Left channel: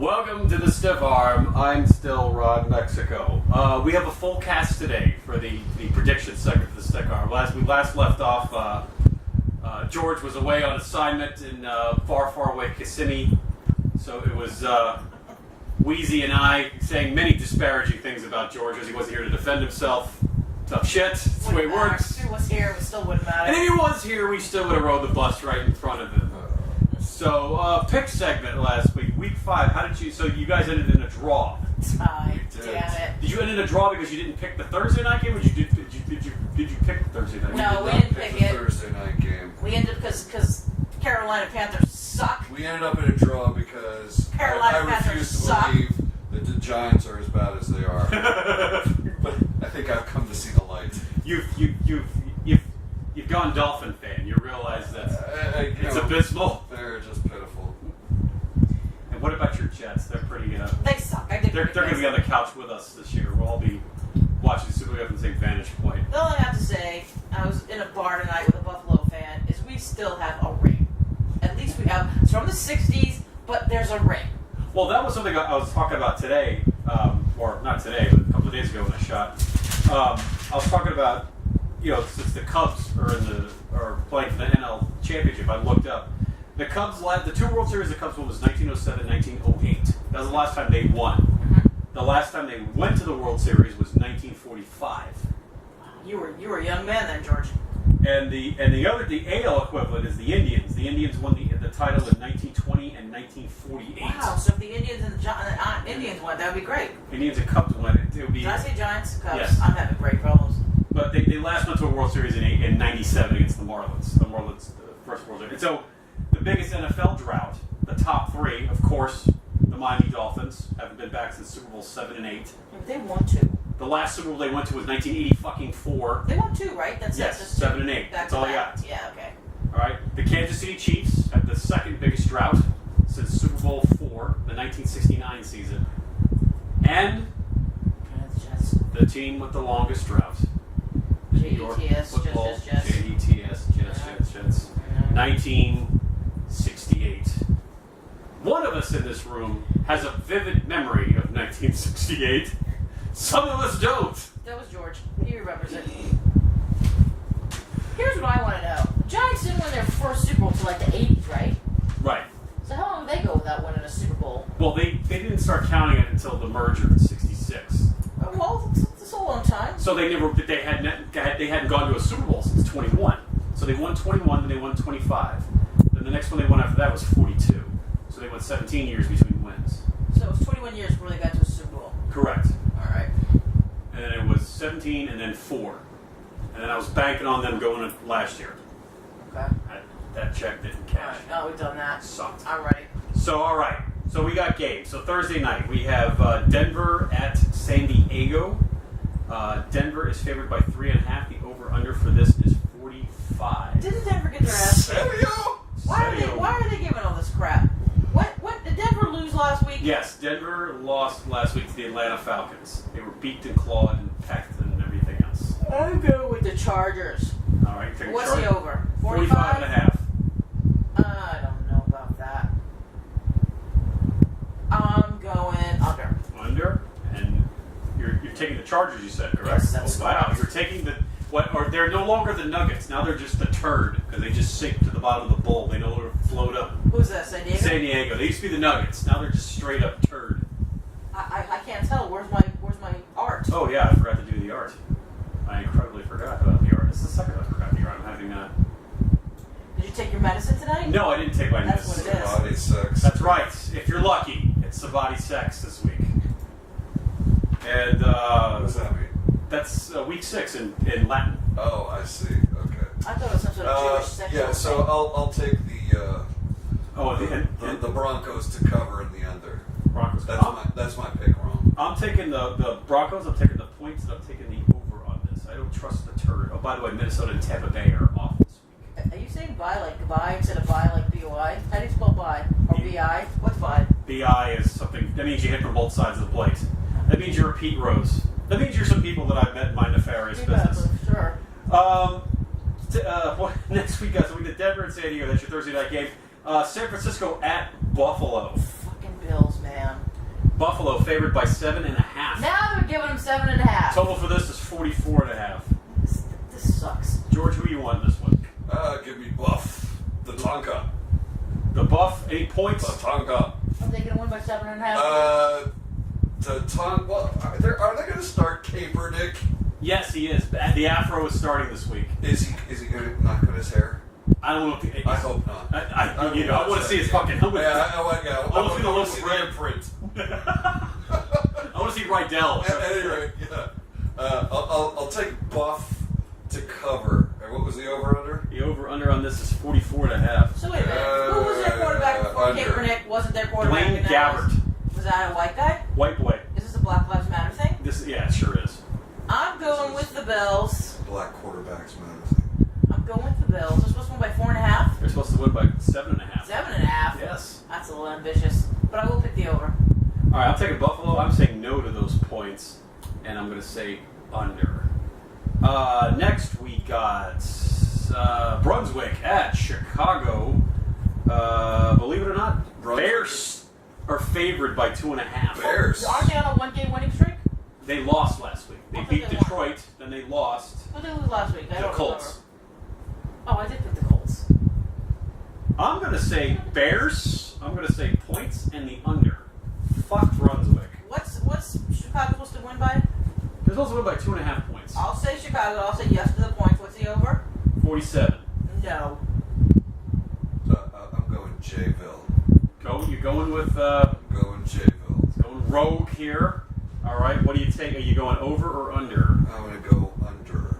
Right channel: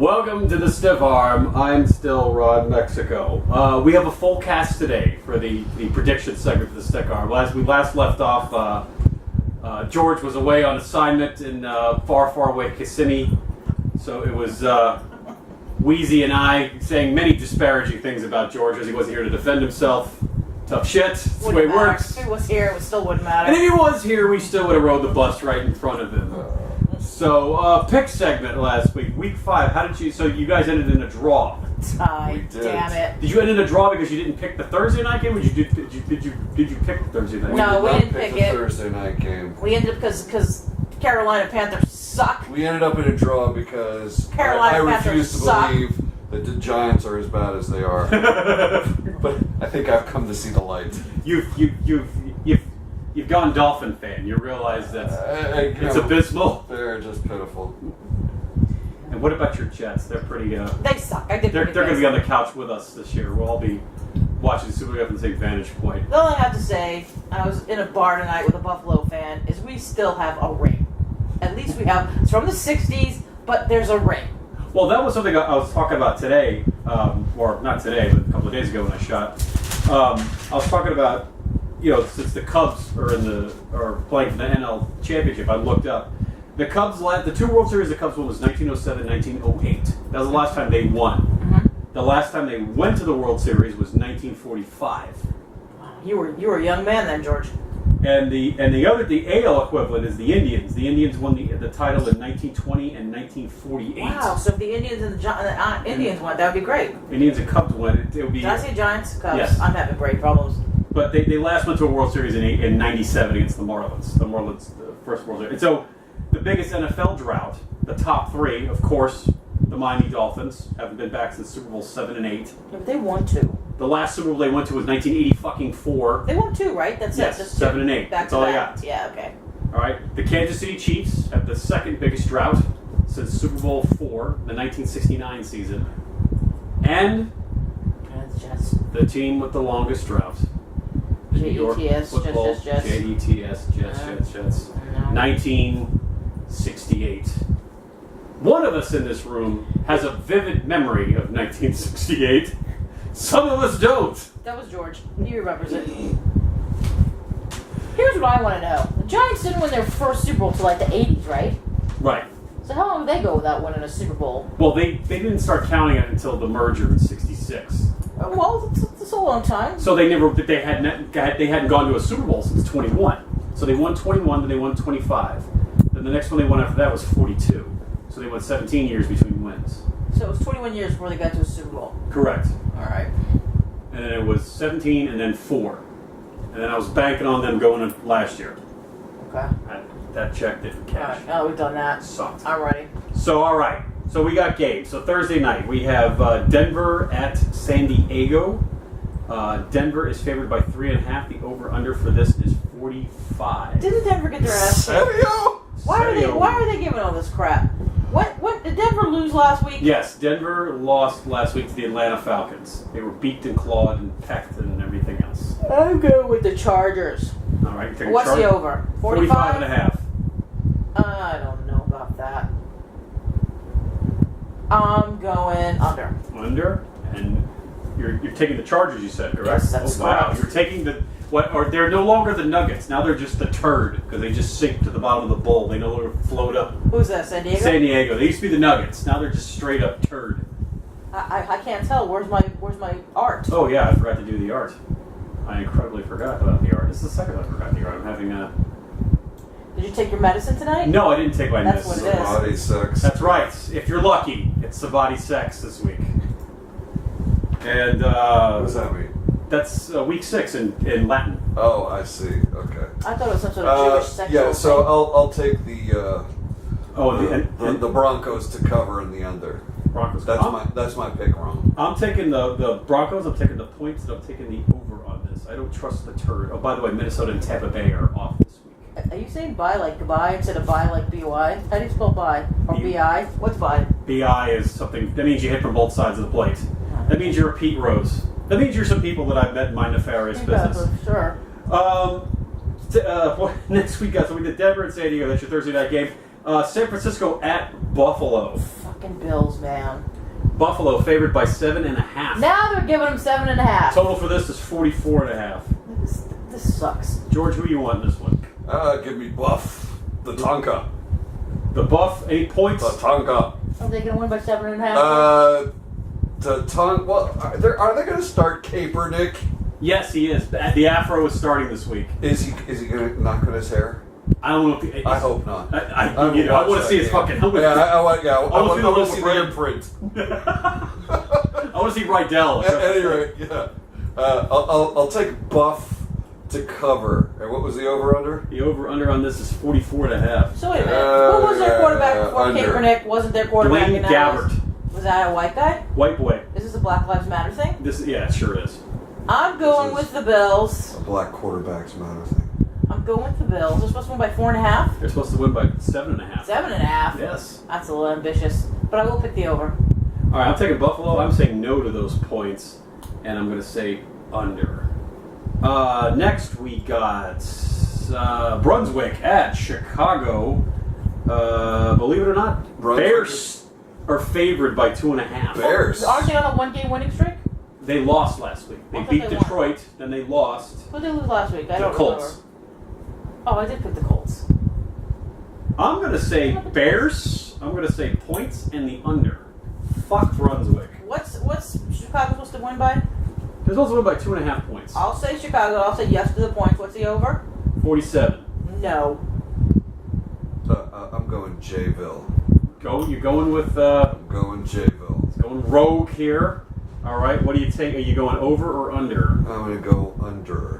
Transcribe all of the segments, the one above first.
Welcome to the TSAwRM. I'm still Rod Mexico. We have a full cast today for the prediction segment for the TSAwRM. We last left off, George was away on assignment in far away Kissimmee. So it was Weezy and I saying many disparaging things about George as he wasn't here to defend himself. Tough shit. That's the way it works. If he was here, it still wouldn't matter. And if he was here, we still would have rode the bus right in front of him. So, pick segment last week, week 5. How did you? So you guys ended in a draw. Damn it! Did you end in a draw because you didn't pick the Thursday night game, or did you pick the Thursday night game? No, we didn't pick the it. Thursday night game. We ended up because Carolina Panthers suck. We ended up in a draw because Carolina I Panthers refuse to suck. believe that the Giants are as bad as they are. But I think I've come to see the light. You've gone Dolphin fan. You realize that it's abysmal. They're just pitiful. And what about your Jets? They're pretty. They suck. They're going to be on the couch with us this year. We'll all be watching the Super Bowl from the same vantage point. The only thing I have to say, I was in a bar tonight with a Buffalo fan, is we still have a ring. At least we have. It's from the '60s, but there's a ring. Well, that was something I was talking about today, or not today, but a couple of days ago when I shot. I was talking about, since the Cubs are playing for the NL Championship, I looked up. The Cubs, the two World Series the Cubs won was 1907, 1908. That was the last time they won. Mm-hmm. The last time they went to the World Series was 1945. Wow, you were a young man then, George. And the AL equivalent is the Indians. The Indians won the title in 1920 and 1948. Wow, so if the Indians and the Indians won, that would be great. Indians and Cubs won. It would be. Did I say Giants? Cubs? Yes. I'm having brain problems. But they last went to a World Series in 97 against the Marlins. The Marlins, the first World Series. And so the biggest NFL drought, the top 3, of course, the Miami Dolphins, haven't been back since Super Bowl 7 and 8. Yeah, but they won 2. The last Super Bowl they went to was 1980-4. They won 2, right? That's Yes, it. Just 7 and 8. Back That's to all I back. got. Yeah, okay. All right. The Kansas City Chiefs have the second biggest drought since Super Bowl 4, the 1969 season. And the team with the longest drought. The New York Football Jets. JETS, Jets. 1968. One of us in this room has a vivid memory of 1968. Some of us don't. That was George. He remembers it. Here's what I want to know. The Giants didn't win their first Super Bowl till like the 80s, right? Right. So how long did they go without winning a Super Bowl? Well, they didn't start counting it until the merger in '66. Well, it's a long time. So they hadn't gone to a Super Bowl since 21. So they won 21, then they won 25. Then the next one they won after that was 42. So they went 17 years between wins. So it was 21 years before they got to a Super Bowl. Correct. All right. And then it was 17 and then 4. And then I was banking on them going in last year. Okay. That check didn't cash. All right. Oh, we've done that. Sucked. All righty. So, all right. So we got games. So Thursday night, we have Denver at San Diego. Denver is favored by 3.5. The over-under for this is 45. Didn't Denver get their ass kicked? Serio? Why are they giving all this crap? What did Denver lose last week? Yes, Denver lost last week to the Atlanta Falcons. They were beaked and clawed and pecked and everything else. I'm going with the Chargers. All right, What's the over? 45.5. I don't know about that. I'm going under. Under? And you're taking the Chargers, you said, correct? Yes, that's wow. correct. You're taking they're no longer the Nuggets. Now they're just the turd because they just sink to the bottom of the bowl. They no longer float up. Who's that, San Diego? San Diego. They used to be the Nuggets. Now they're just straight up turd. I can't tell. Where's my art? Oh yeah, I forgot to do the art. I incredibly forgot about the art. This is the second time I forgot the art. I'm having a... Did you take your medicine tonight? No, I didn't take my That's medicine. what it is. Body sex. That's right. If you're lucky, it's Sabati sex this week. And What does that mean? that's week 6 in Latin. Oh, I see. Okay. I thought it was some sort of Jewish sexual Yeah, so thing. I'll take the the Broncos to cover in the under. Broncos. That's my pick wrong. I'm taking the Broncos. I'm taking the points, and I'm taking the over on this. I don't trust the turd. Oh, by the way, Minnesota and Tampa Bay are off this week. Are you saying buy like goodbye instead of buy like B-Y? How do you spell buy? Or B-I? What's buy? BI is something that means you hit from both sides of the plate. That means you're a Pete Rose. That means you're some people that I've met in my nefarious business. Sure. Next week, guys, so we did Denver and San Diego. That's your Thursday night game. San Francisco at Buffalo. Fuck Fucking Bills, man. Buffalo favored by 7.5. Now they're giving them 7.5. Total for this is 44.5. This sucks. George, who you want in this one? Give me Buff. The Tonka. The Buff, 8 points. The Tonka. Are they going to win by 7.5? The Tonka. Well, are they going to start Kaepernick? Yes, he is. The Afro is starting this week. Is he going to knock on his hair? I don't know if he, I hope not. I want to see his fucking helmet. I want to see the brand. imprint. I want to see Rydell. At any rate, yeah. I'll take Buff to cover. And what was the over/under? The over/under on this is 44.5. So wait a minute. Who was their quarterback before under. Kaepernick wasn't their quarterback? Dwayne Gabbert. Was that a white guy? White boy. Is this a Black Lives Matter thing? Yeah, it sure is. I'm going with the Bills. A black quarterback's matter thing. I'm going with the Bills. They're supposed to win by 4.5. They're supposed to win by 7.5. 7.5. Yes. That's a little ambitious, but I will pick the over. All right, I'm taking Buffalo. I'm saying no to those points, and I'm going to say under. Next, we got Brunswick at Chicago. Believe it or not, Brunswick Bears are favored by 2.5. Bears. Aren't they on a one-game winning streak? They lost last week. They I thought beat they won. Detroit, then they lost. Who did they lose last week? I The don't Colts. remember. Oh, I did pick the Colts. I'm going to say Bears. I'm going to say points and the under. Fuck Brunswick. What's Chicago supposed to win by? They're supposed to win by 2.5 points. I'll say Chicago. I'll say yes to the points. What's the over? 47. No. I'm going Jayville. You're going with I'm going Jayville. going rogue here. All right, what do you take? Are you going over or under? I'm going to go under.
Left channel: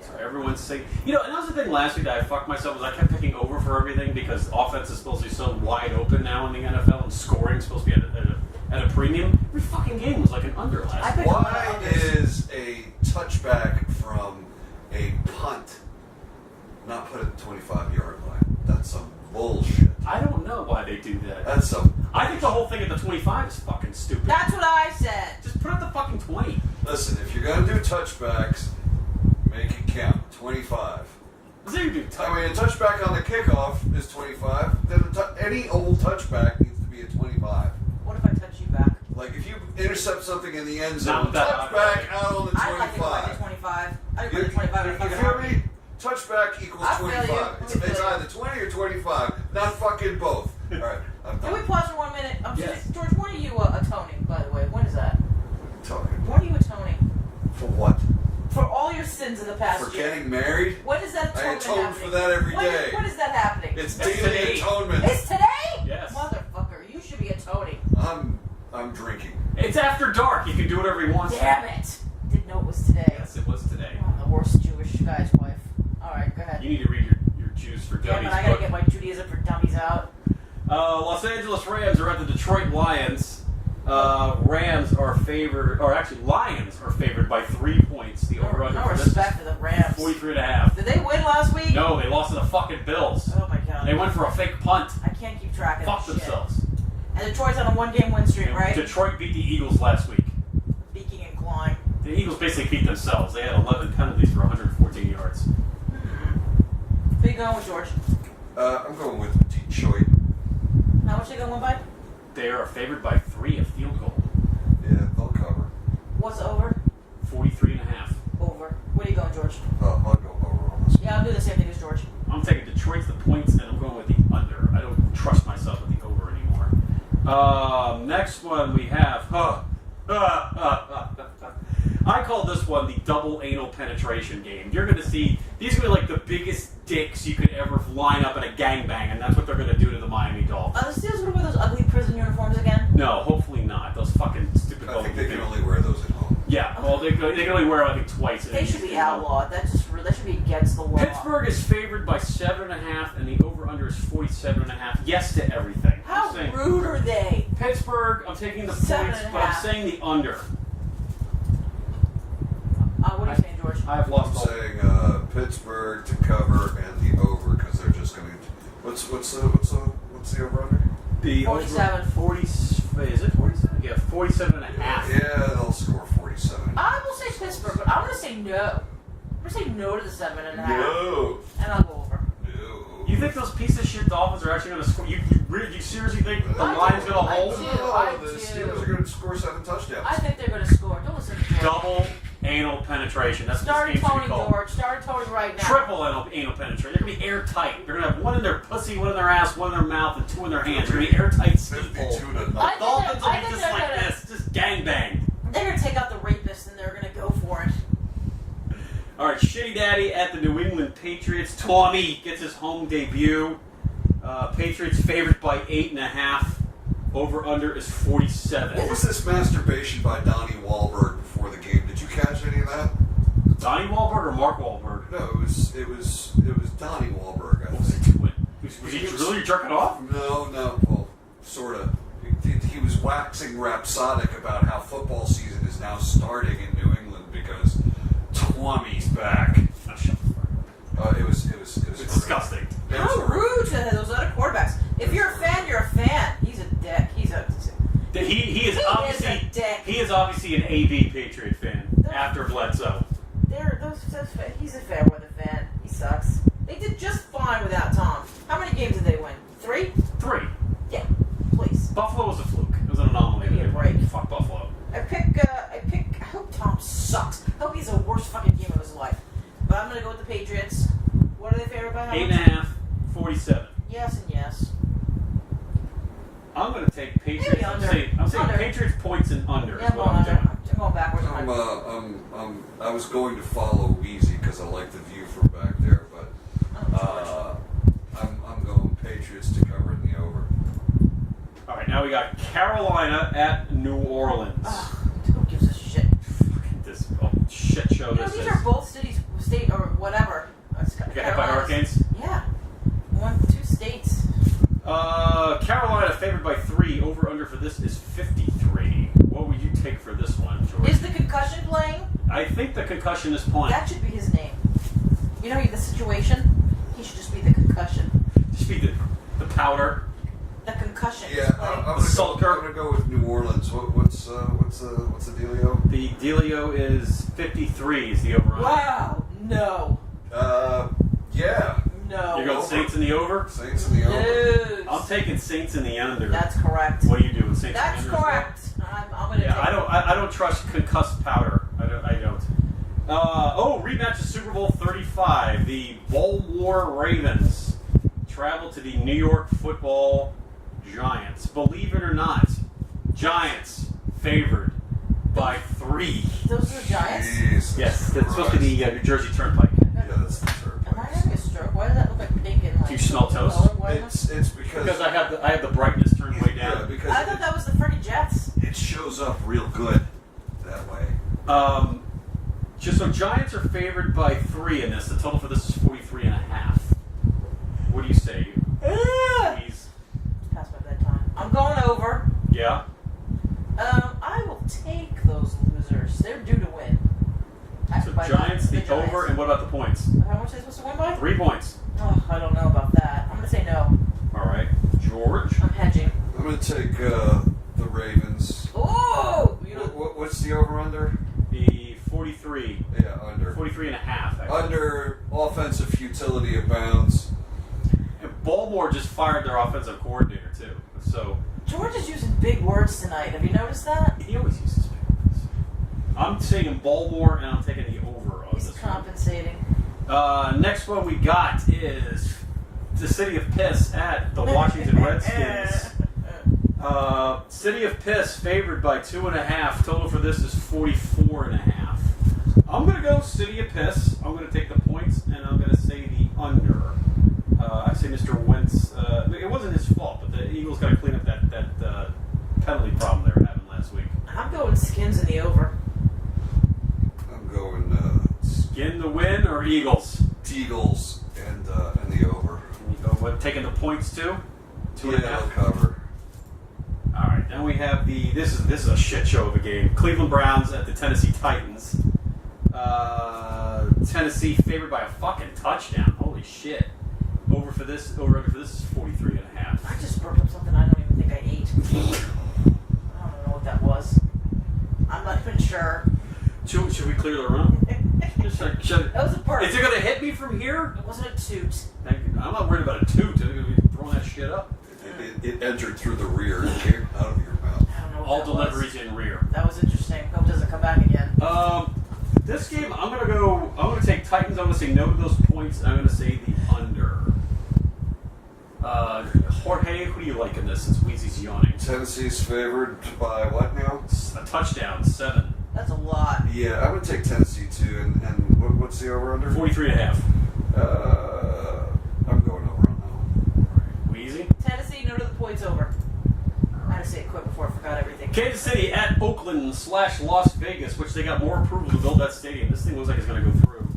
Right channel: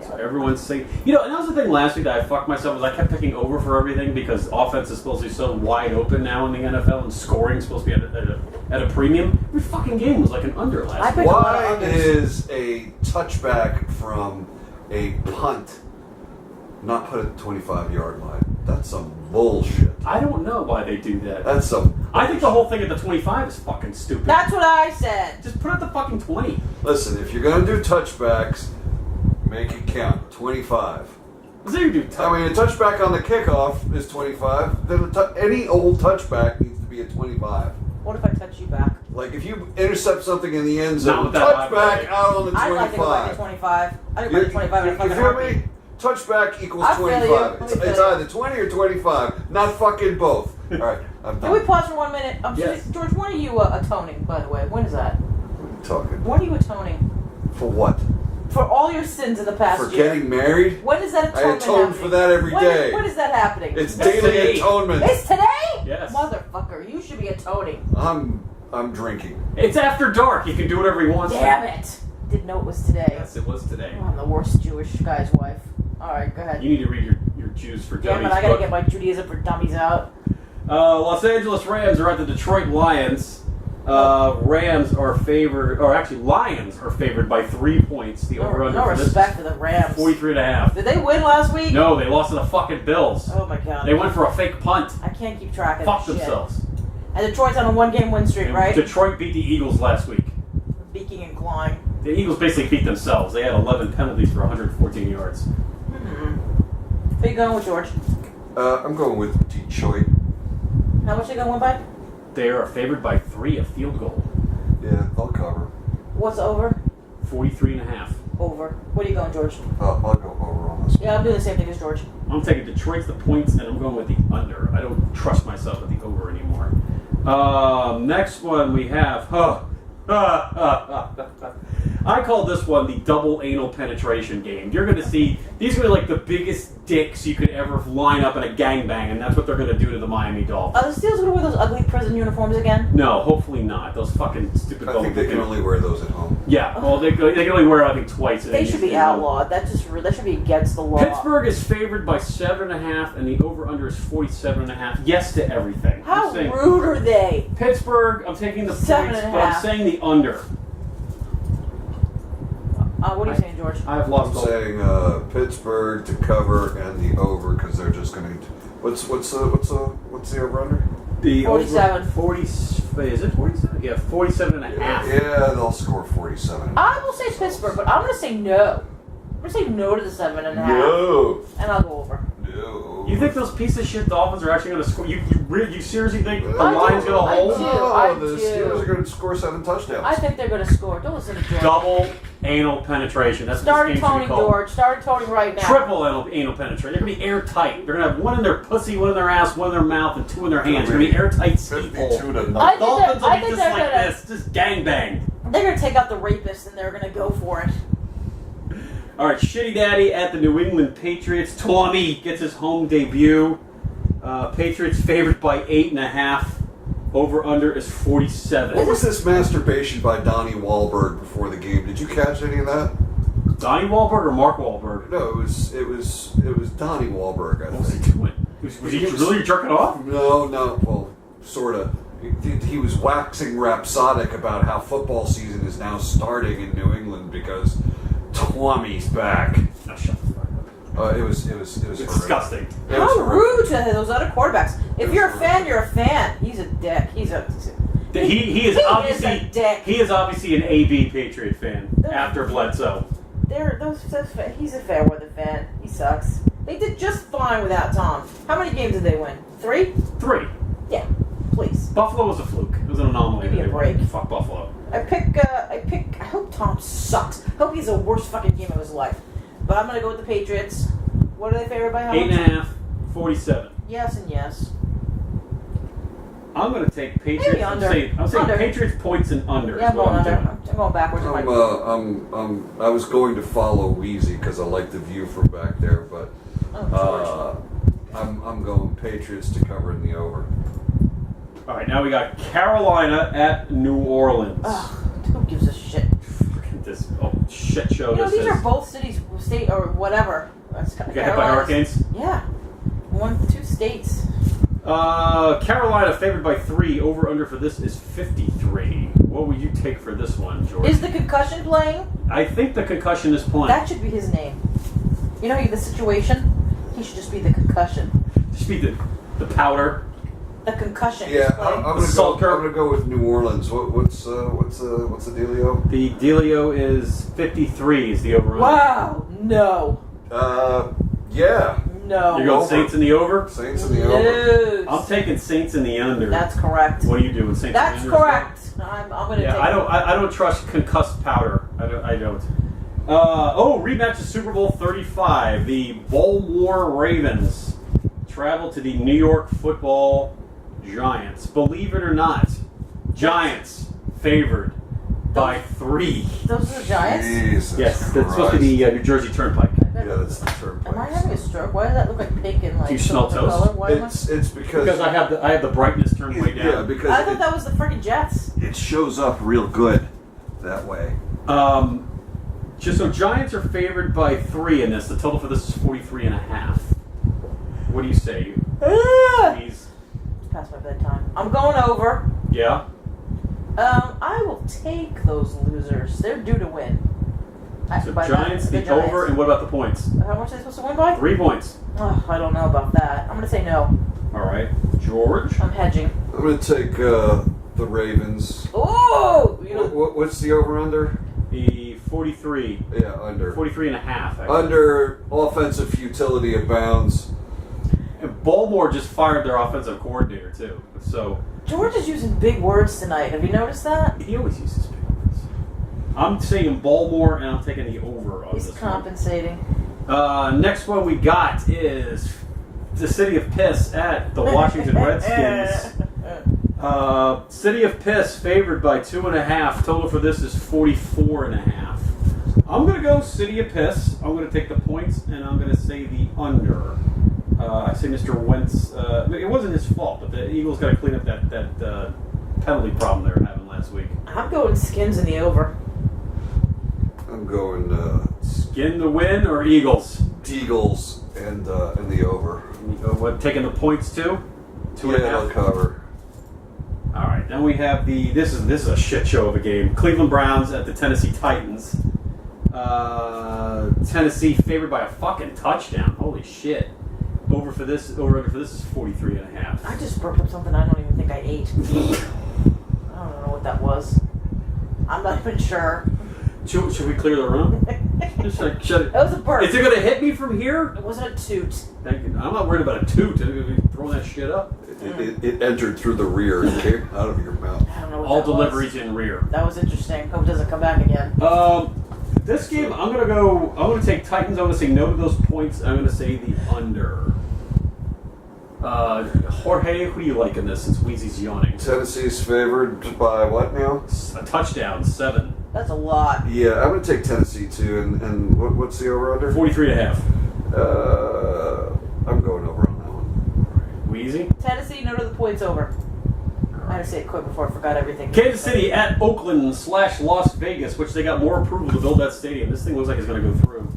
So everyone's saying, and that was the thing last week that I fucked myself was I kept picking over for everything because offense is supposed to be so wide open now in the NFL and scoring is supposed to be at a premium. Every fucking game was like an under last week. Why is a touchback from a punt not put at the 25-yard line? That's some bullshit. I don't know why they do that. That's some I think the whole thing at the 25 is fucking stupid. That's what I said. Just put it at the fucking 20. Listen, if you're going to do touchbacks, make it count. 25. So you do I mean, a touchback on the kickoff is 25. Then any old touchback needs to be at 25. What if I touch you back? Like if you intercept something in the end Not zone, with that touchback high. out on the I'd like to go back to 25. 25. I'd go back to 25 in a You fucking feel heartbeat. me? Touchback equals I feel you. 25. I It's feel you. either 20 or 25, not fucking both. All right, I'm Can we done. pause for 1 minute? Yes. George, when are you atoning, by the way? When is that? Talking When are you atoning? for what? For all your sins in the past For year. getting married? When is that I atonement atone happening? for that every day. When is that happening? It's That's daily today. atonement. It's today? Yes. Motherfucker, you should be atoning. I'm drinking. It's after dark. He can do whatever he wants. Damn it. Didn't know it was today. Yes, it was today. I'm the worst Jewish guy's wife. Alright, go ahead. You need to read your Jews for Damn Dummies it, I gotta book. get my Judaism for Dummies out. Los Angeles Rams are at the Detroit Lions. Lions are favored by 3 points. The over-under No for this respect for the Rams. 43.5. Did they win last week? No, they lost to the fucking Bills. Oh my god. They went for a fake punt. I can't keep track of Fuck this shit. themselves. And Detroit's on a one-game win streak, And right? Detroit beat the Eagles last week. Beaking and clawing. The Eagles basically beat themselves. They had 11 penalties for 114 yards. Who you going with, George? I'm going with Detroit. How much are you going to win by? They are favored by 3, a field goal. Yeah, they'll cover. What's over? 43.5. Over. What are you going, George? I'll go over on this. Yeah, I'm doing the same thing as George. I'm taking Detroit's the points, and I'm going with the under. I don't trust myself with the over anymore. Next one we have. I call this one the double anal penetration game. You're going to see, these are going to be like the biggest dicks you could ever line up in a gangbang, and that's what they're going to do to the Miami Dolphins. Are the Steelers going to wear those ugly prison uniforms again? No, hopefully not. Those fucking stupid... I think they can only wear those at home. Yeah, well, they can only wear it, I think, twice. They should be outlawed. That should be against the law. Pittsburgh is favored by 7.5, and the over-under is 47.5. Yes to everything. How I'm saying, rude are they? Pittsburgh, I'm taking the points, 7.5. but I'm saying the under. What are you saying, George? I've I'm lost all... saying Pittsburgh to cover and the over because they're just going to. What's the over under? The 47. 40, is it 47? Yeah, 47.5. Yeah, they'll score 47. I will say Pittsburgh, but I'm going to say no. I'm gonna say no to the 7.5. No. And I'll go over. No. You think those piece of shit Dolphins are actually going to score? You seriously think the I line's do. going to I hold? do. No, the do. Steelers are going to score 7 touchdowns. I think they're gonna score. Don't listen to George. Double anal penetration. That's what Started this game should toning be called. George. Started toning right now. Triple anal penetration. They're going to be airtight. They're going to have one in their pussy, one in their ass, one in their mouth, and 2 in their hands. They're going to be airtight ski 52 hole. to I nothing. think Dolphins will I be think just they're like gonna- this. Just gangbang. They're gonna take out the rapist and they're gonna go for it. All right, Shitty Daddy at the New England Patriots. Tommy gets his home debut. Patriots favored by 8.5. Over under is 47. What was this masturbation by Donnie Wahlberg before the game? Did you catch any of that? Donnie Wahlberg or Mark Wahlberg? No, it was Donnie Wahlberg. I What was he think. doing? Was he really jerking off? No. Well, sort of. He was waxing rhapsodic about how football season is now starting in New England because Tommy's back. No, shut the fuck up. It was It's horrific. disgusting. It was How horrific. rude to those other quarterbacks. If It you're was a fan, horrific. you're a fan. He's a dick. He is He obviously is a dick. he is obviously an AB Patriot fan Those- after Bledsoe. He's a fair weather fan. He sucks. They did just fine without Tom. How many games did they win? 3? 3. Yeah. Please. Buffalo was a fluke. It was an anomaly. Give me that a they won. break. Fuck Buffalo. I hope Tom sucks. Hope he's the worst fucking game of his life. But I'm gonna go with the Patriots. What are they favored by? How much? 8.5, 47. Yes and yes. I'm going to take Patriots. Maybe I'm under. saying Under. Patriots points and under Yeah, is I'm what going I'm under. doing. I'm going backwards in my I was going to follow Weezy because I like the view from back there, but Oh, I'm going Patriots to cover in the over. All right, now we got Carolina at New Orleans. Ugh, who gives a shit? Fucking this shit show You know, this these is. are both cities, state, or whatever. You got hit by hurricanes? Yeah. 2 states. Carolina favored by 3. Over under for this is 53. What would you take for this one, George? Is the concussion playing? I think the concussion is playing. That should be his name. You know the situation? He should just be the concussion. Just be the powder. The concussion. Yeah, is playing. I'm gonna go with New Orleans. What's the dealio? The dealio is 53 is the over under. Wow. No. Yeah, No. You're going Over. Saints in the over? Saints in the over. No. I'm taking Saints in the under. That's correct. What are you doing, Saints That's in the under? correct. I'm gonna Yeah, take. I don't trust concussed powder. I don't. Rematch of Super Bowl 35. The Baltimore Ravens travel to the New York Football Giants. Believe it or not, Giants favored by 3. Those are the Giants. Jesus Yes, that's supposed to be the New Jersey Turnpike. Yeah, that's the third Am I place. having a stroke? Why does that look like pink and like? Do you smell silver toast? color? Why am I- It's because Because I have the brightness turned way Yeah, down. because I thought that was the freaking Jets. it shows up real good that way. So Giants are favored by 3 in this. The total for this is 43.5. What do you say? Please. It's past my bedtime. I'm going over. Yeah. I will take those losers. They're due to win. So By Giants, the Giants. over, and what about the points? How much are they supposed to win by? 3 points. Oh, I don't know about that. I'm gonna say no. All right, George. I'm hedging. I'm gonna take the Ravens. Oh, you know, What's the over under? The 43, Yeah, under. 43.5. Actually. Under offensive futility abounds. And Baltimore just fired their offensive coordinator too. So George is using big words tonight. Have you noticed that? he always uses big words. I'm saying Baltimore, and I'm taking the over on He's this compensating. one. Next one we got is the City of Piss at the Washington Redskins. City of Piss favored by 2.5. Total for this is 44.5. I'm gonna go City of Piss. I'm gonna take the points, and I'm gonna say the under. I say Mr. Wentz. It wasn't his fault, but the Eagles got to clean up that penalty problem they were having last week. I'm going Skins in the over. I'm going Skin the win or Eagles? Eagles and the over. What, taking the points too? 2.5. I'll cover. All right, then we have this is a shit show of a game. Cleveland Browns at the Tennessee Titans. Tennessee favored by a fucking touchdown. Holy shit. Over for this is 43.5. I just burped up something I don't even think I ate. I don't know what that was. I'm not even sure. Should we clear the room? Just like, shut it. That was a burp. Is it going to hit me from here? It wasn't a toot. Thank you. I'm not worried about a toot. I'm going to be throwing that shit up. It entered through the rear and came out of your mouth. I don't know what All that deliveries was. in rear. That was interesting. Hope it doesn't come back again. This game, I'm going to take Titans. I'm going to say no to those points. I'm going to say the under. Jorge, who do you like in this since Weezy's yawning? Tennessee's favored by what now? A touchdown, 7. That's a lot. Yeah, I'm going to take Tennessee too. And what's the over-under? 43.5. I'm going over on that one. Weezy? Tennessee, no to the points over. I had to say it quick before I forgot everything. Kansas City at Oakland/Las Vegas, which they got more approval to build that stadium. This thing looks like it's going to go through.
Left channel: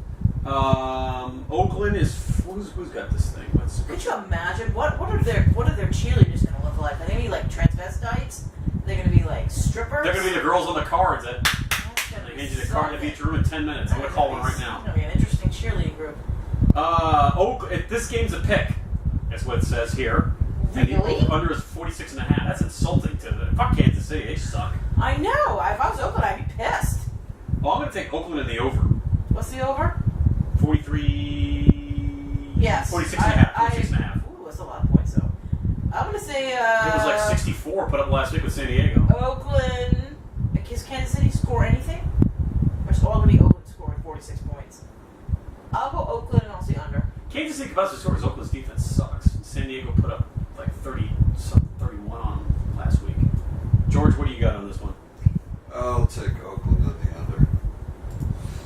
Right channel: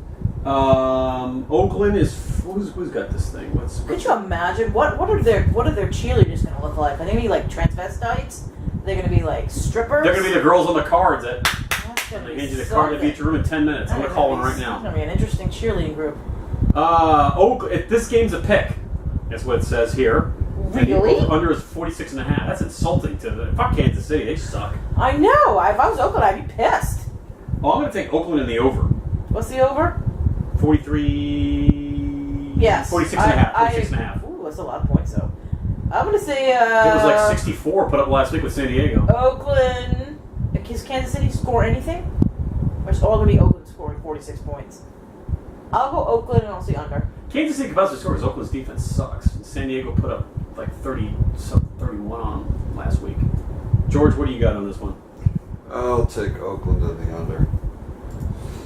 Oakland is who's got this thing? Could you imagine what are their cheerleaders going to look like? Are they going to be like transvestites? Are they going to be like strippers? They're going to be the girls on the cards that That's gonna they be hand you the so card to good. beat your room in 10 minutes. I'm going to That's call gonna one be- right It's now. going to be an interesting cheerleading group. This game's a pick. That's what it says here. And the Really? under is 46.5. That's insulting to the fuck Kansas City. They suck. I know. If I was Oakland, I'd be pissed. Oh, I'm going to take Oakland in the over. What's the over? 43. Yes. 46.5. 46.5. Ooh, that's a lot of points though. I'm going to say It was like 64 put up last week with San Diego. Oakland. Does Kansas City score anything? Or is it all going to be Oakland scoring 46 points? I'll go Oakland and I'll say under. Kansas City capacity score because Oakland's defense sucks. And San Diego put up like 31 on them last week. George, what do you got on this one? I'll take Oakland in the under.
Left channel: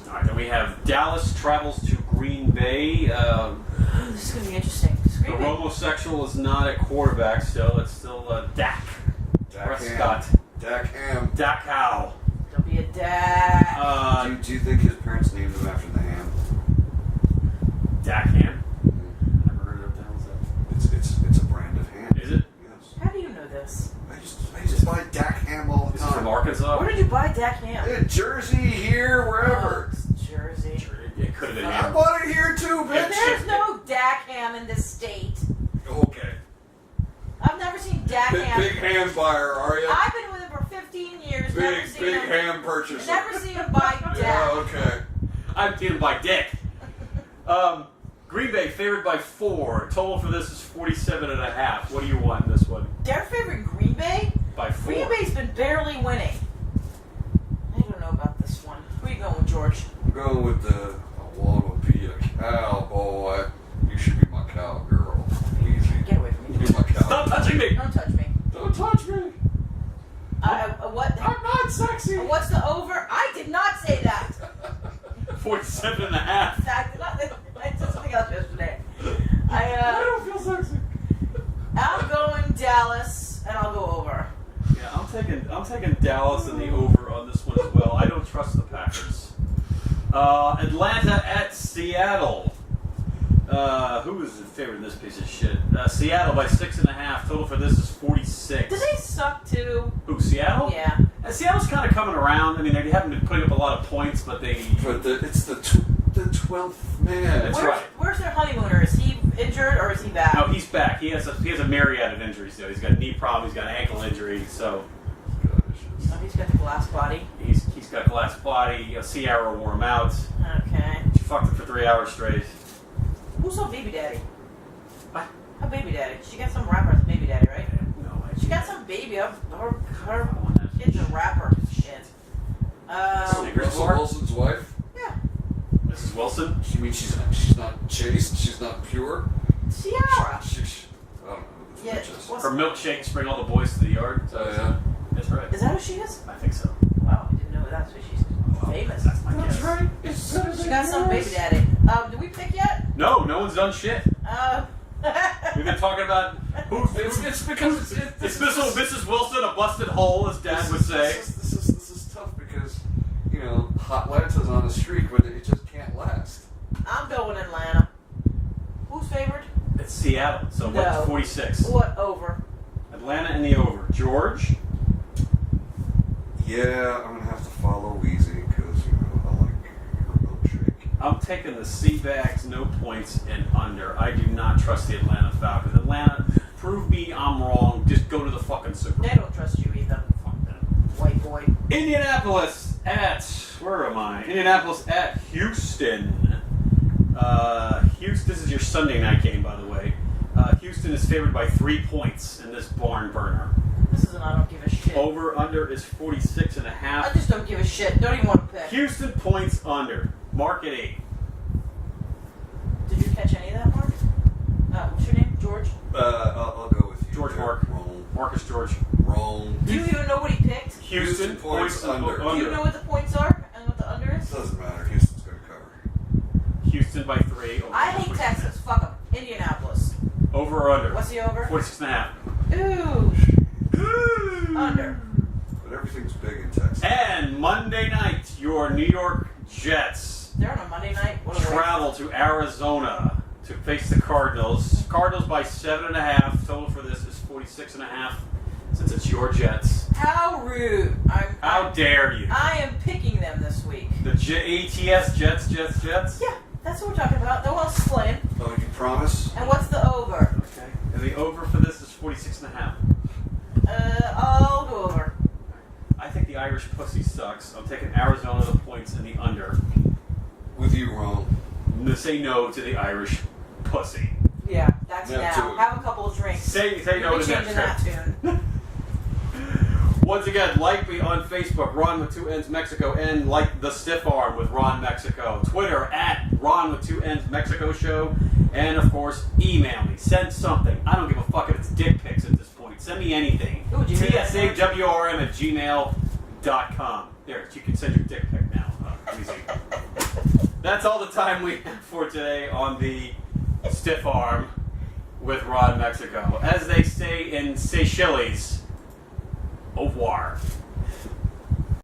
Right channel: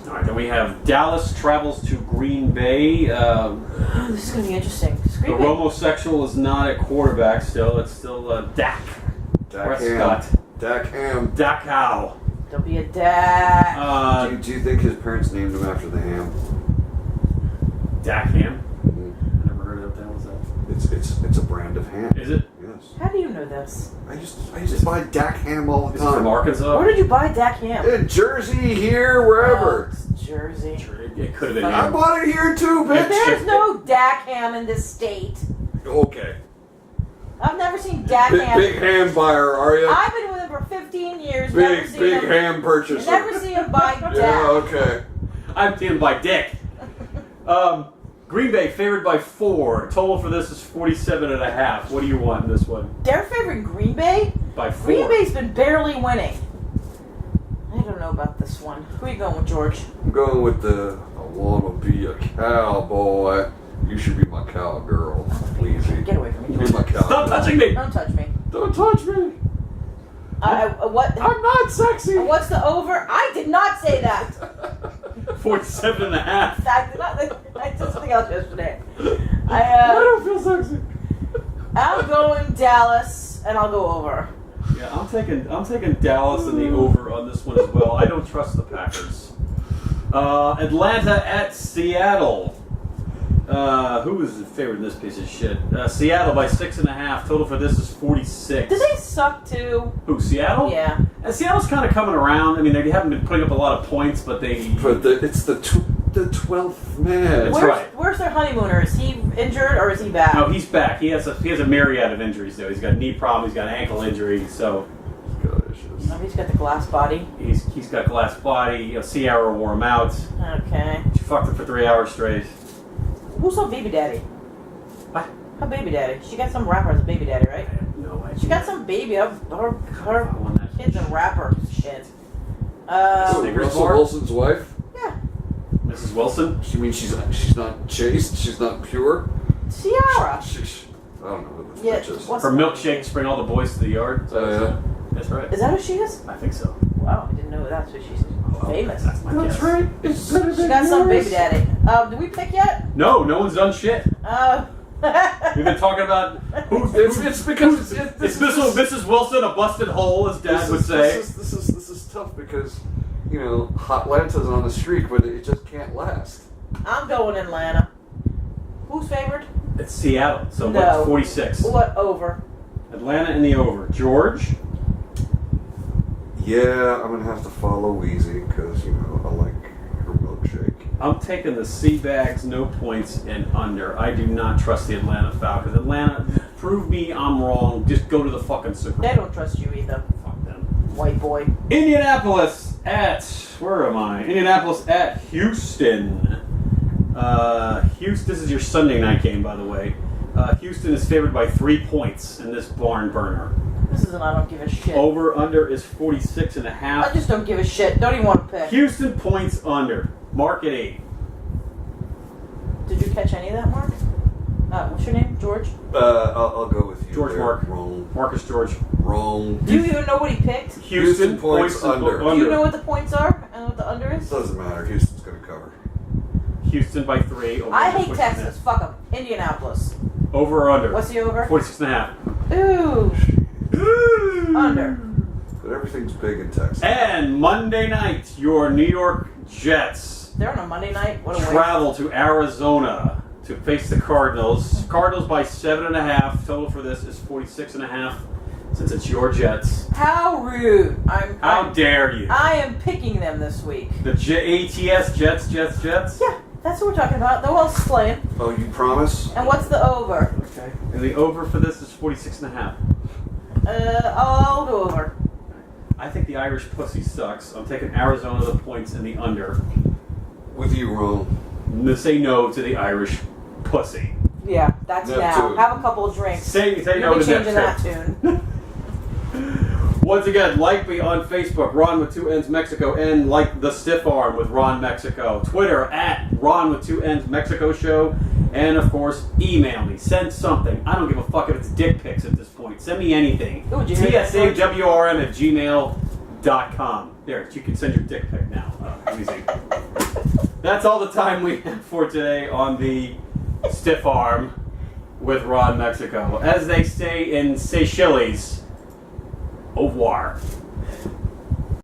All right, then we have Dallas travels to Green Bay. This is going to be interesting. The homosexual is not at quarterback still. It's still Dak Prescott. Dak Ham. Dak Howe. Don't be a dad. Do you think his parents named him after the ham? Dak Ham? Mm-hmm. I never heard of what the hell is that. It's a brand of ham. Is it? Yes. How do you know this? I used to buy Dak Ham all the Is it from time. Arkansas? Where did you buy Dak Ham? In Jersey, here, wherever. Oh, it's Jersey. It could have been I him. bought it here too, But bitch. there's no Dak Ham in this state. Okay. I've never seen Dak Ham. Big ham buyer, are you? I've been with him for 15 years. Never Big seen him. ham purchaser. Never seen him buy Dak. Yeah, okay. I'm team by Dick. Green Bay favored by 4. Total for this is 47.5. What do you want in this one? They're favoring Green Bay? By 4. Green Bay's been barely winning. I don't know about this one. Who are you going with, George? I'm going with the I want to be a cowboy. You should be my cowgirl. Weezy. Get away from me, Be George. my cowgirl. Stop touching me! Don't touch me. Don't touch me. What? I'm not sexy. What's the over? I did not say that. 47.5. I did not. I said something else yesterday. I don't feel sexy. I'm going Dallas, and I'll go over. Yeah, I'm taking Dallas and the over on this one as well. I don't trust the Packers. Atlanta at Seattle. Who is the favorite in this piece of shit? Seattle by 6.5. Total for this is 46. Do they suck too? Who, Seattle? Yeah. Seattle's kind of coming around. I mean, they haven't been putting up a lot of points, but they... But it's the 12th man. That's right. Where's their honeymooner? Is he injured or is he back? No, he's back. He has a myriad of injuries, though. He's got a knee problem. He's got an ankle injury, so... God, issues. Oh, he's got the glass body. He's got glass body. TSAwRM wore him out. Okay. She fucked him for 3 hours straight. Who's her baby daddy? What? Her baby daddy. She got some rapper as a baby daddy, right? I have no idea. She got some baby. Her I want that. kid's a rapper. Shit. Snickers Russell bar? Wilson's wife? Yeah. Mrs. Wilson? You mean she's not chaste? She's not pure? Ciara. I don't know who this Yeah. bitch is. What's Her milkshakes bring all the boys to the yard. Is that what Oh, it yeah. said? That's right. Is that who she is? I think so. Wow, I didn't know that's who she's Oh, famous. That's my That's guess. right. It's better than She got some yours. baby daddy. Did we pick yet? No one's done shit. We've been talking about It's because it's Mrs. Wilson, a busted hole, as Dad would say. This is tough because Atlanta's on a streak, but it just can't last. I'm going Atlanta. Who's favored? It's Seattle, so No. what's 46? What over? Atlanta in the over. George? Yeah, I'm gonna have to follow Weezy because I her milkshake. I'm taking the sea bags, no points, and under. I do not trust the Atlanta Falcons. Atlanta, prove me I'm wrong. Just go to the fucking Super Bowl. They don't trust you either, Fuck them. white boy. Indianapolis at, where am I? Indianapolis at Houston. Houston, this is your Sunday night game, by the way. Houston is favored by 3 points in this barn burner. This is an I don't give a shit. Over under is 46.5. I just don't give a shit. Don't even want to pick. Houston points under. Mark at 8. Did you catch any of that, Mark? What's your name? George? I'll go with you. George there. Mark. Wrong. Marcus George. Wrong. Do you even know what he picked? Houston points under. Do you know what the points are and what the under is? Doesn't matter. Houston's going to cover. Houston by 3. Over I under hate 46.5. Texas. Fuck them. Indianapolis. Over or under? What's the over? 46.5. Ooh. Under. But everything's big in Texas. And Monday night, your New York Jets They're on a Monday night. What a waste. travel to Arizona to face the Cardinals. Cardinals by 7.5. Total for this is 46.5. Since it's your Jets. How rude. How dare you? I am picking them this week. The ATS Jets. Yeah, that's what we're talking about. Who else is playing? Oh, you promise? And what's the over? Okay. And the over for this is 46.5. I'll go over. I think the Irish pussy sucks. I'm taking Arizona the points and the under. With you, wrong. Say no to the Irish pussy. Yeah, that's Neptune. now. Have a couple of drinks. Say You'll no be to changing that Neptune. tune. Once again, like me on Facebook, Ron with 2 N's Mexico, and like the Stiff Arm with Ron Mexico. Twitter at Ron with 2 N's Mexico Show. And of course, email me. Send something. I don't give a fuck if it's dick pics at this point. Send me anything. Ooh, did you hear that, George? TSAwRM at gmail.com. There, you can send your dick pic now. Easy. That's all the time we have for today on the Stiff Arm with Ron Mexico. As they say in Seychelles, au revoir.